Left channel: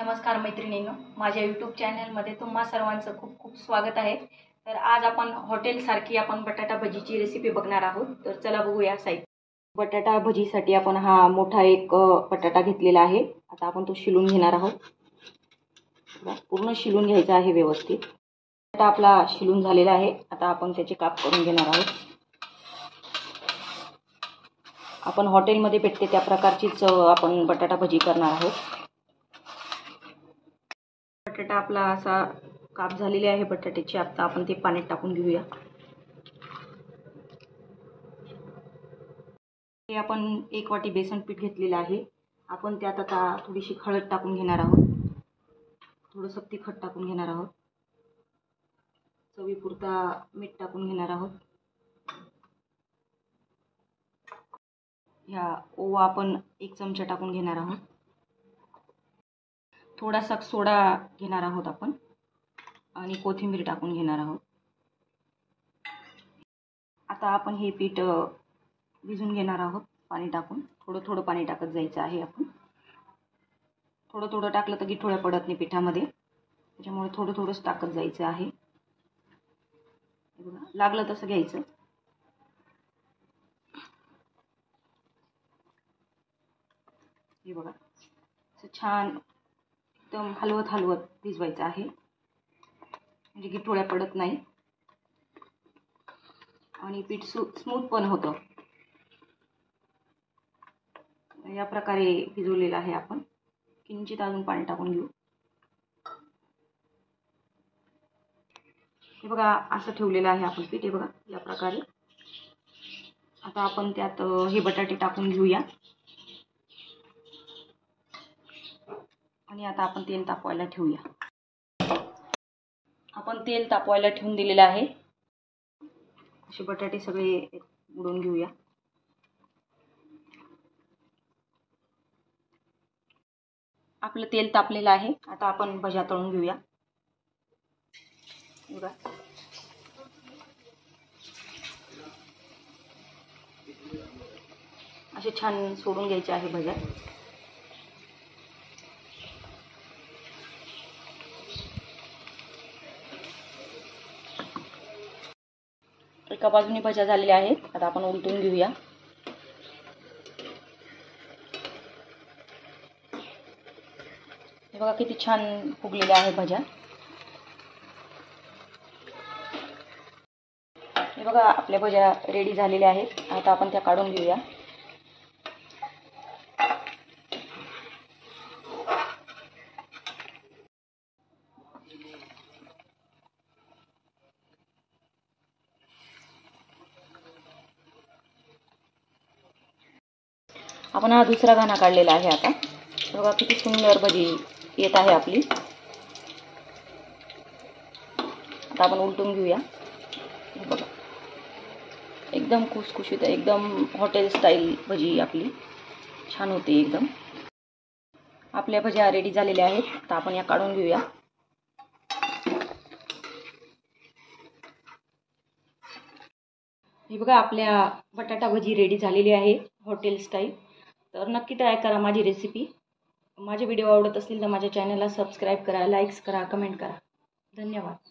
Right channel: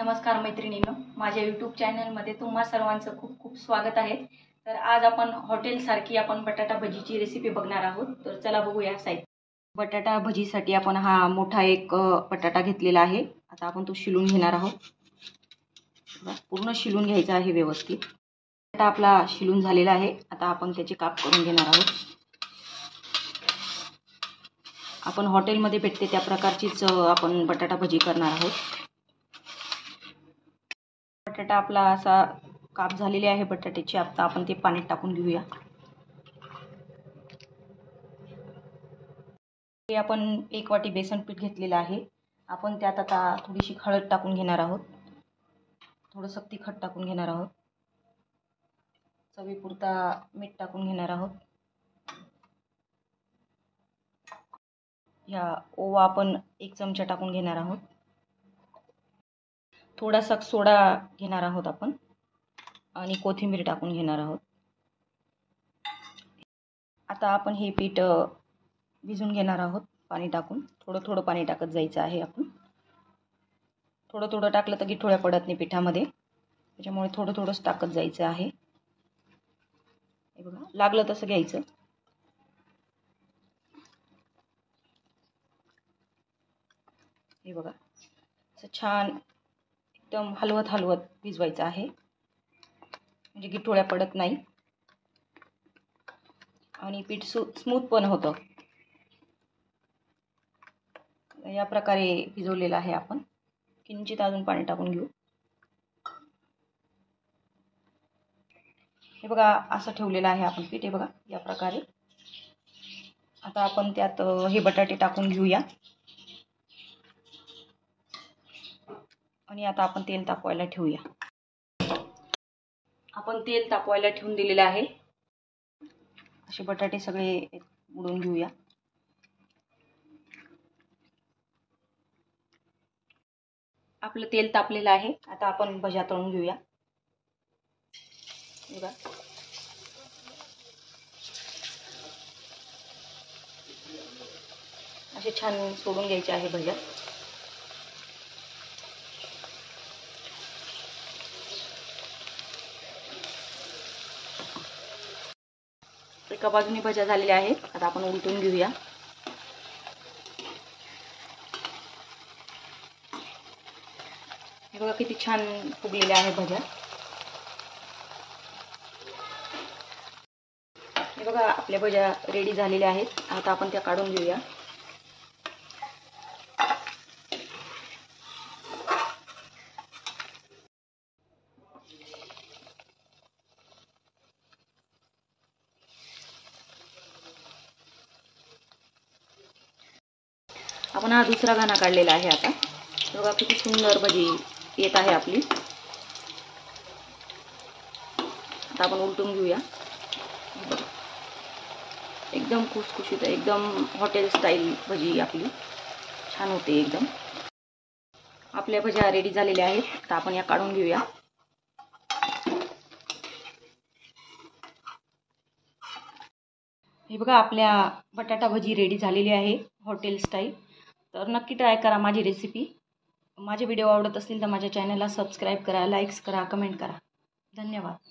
नमस्कार मैत्रिणींनो, माझ्या यूट्यूब चॅनलमध्ये तुम्हा सर्वांचं खूप खूप स्वागत आहे। तर आज आपण हॉटेलसारखी आपण बटाटा भजीची रेसिपी बघणार आहोत। तर चला बघूया साहित्य। बटाटा भजीसाठी आपण हा मोठा एक बटाटा घेतलेला आहे। आता आपण तो शिलून घेणार आहोत। पूर्ण शिलून घ्यायचा आहे व्यवस्थित। बटाटा आपला शिलून झालेला आहे। आता आपण त्याचे काप करून घेणार आहोत। आपण हॉटेलमध्ये भेटते त्या प्रकारचीच आपण बटाटा भजी करणार आहोत। बटाटा आपला असा काप झालेले आहे बटाट्याचे। आता आपण ते पाण्यात टाकून घेऊया। हे आपण 1 वाटी बेसन पीठ घेतलेलं आहे। आपण त्यात आता थोडीशी हळद टाकून घेणार आहोत। थोडंसं तिखट टाकून घेणार आहोत। चवीपुरता मीठ टाकून घेणार आहोत। या ओवा आपण 1 चमचा टाकून घेणार आहोत। थोडासा सोडा घेणार आहोत आपण आणि कोथिंबीर टाकून घेणार आहोत। आता आपण हे पीठ भिजून घेणार आहोत पाणी टाकून। थोडं थोडं पाणी टाकत जायचं आहे। आपण थोडं थोडं टाकलं तर गिठोळ्या पडत नाही पिठामध्ये, त्याच्यामुळे थोडं थोडंच टाकत जायचं आहे। हे बघा, लागलं तसं घ्यायचं। हे बघा, असं छान एकदम हलवत हलवत भिजवायचं आहे, म्हणजे गिठोळ्या पडत नाही आणि पीठ स्मूथ पण होतं। या प्रकारे भिजवलेलं आहे आपण। किंचित अजून पाणी टाकून घेऊ। हे बघा, असं ठेवलेलं आहे आपण पीठ। हे बघा, या प्रकारे। आता आपण त्यात हे बटाटे टाकून घेऊया आणि आता आपण तेल तापवायला ठेवूया। आपण तेल तापवायला ठेवून दिलेलं आहे। असे बटाटे सगळे उडून घेऊया। आपलं तेल तापलेलं आहे। आता आपण भज्या तळून घेऊया। बघा, असे छान सोडून घ्यायचे आहे भज्या। एका बाजूने भज्या झालेल्या आहेत। आता आपण उलटून घेऊया। हे बघा, किती छान फुगलेल्या आहे भज्या। हे बघा, आपल्या भज्या रेडी झालेल्या आहेत। आता आपण त्या काढून घेऊया। आपण हा दुसरा घाना काढलेला आहे। आता बघा, किती सुंदर भजी येत आहे आपली। आता आपण उलटून घेऊया। बघा, एकदम खुसखुशीत, एकदम हॉटेल स्टाईल भजी आपली छान होते एकदम। आपल्या भज्या रेडी झालेल्या आहेत। आता आपण या काढून घेऊया। हे बघा, आपल्या बटाटा भजी रेडी झालेली आहे हॉटेल स्टाईल। तर नक्की ट्राय करा माझी रेसिपी। माझे व्हिडिओ आवडत असतील तर माझ्या चॅनलला सबस्क्राईब करा, लाईक्स करा, कमेंट करा। धन्यवाद।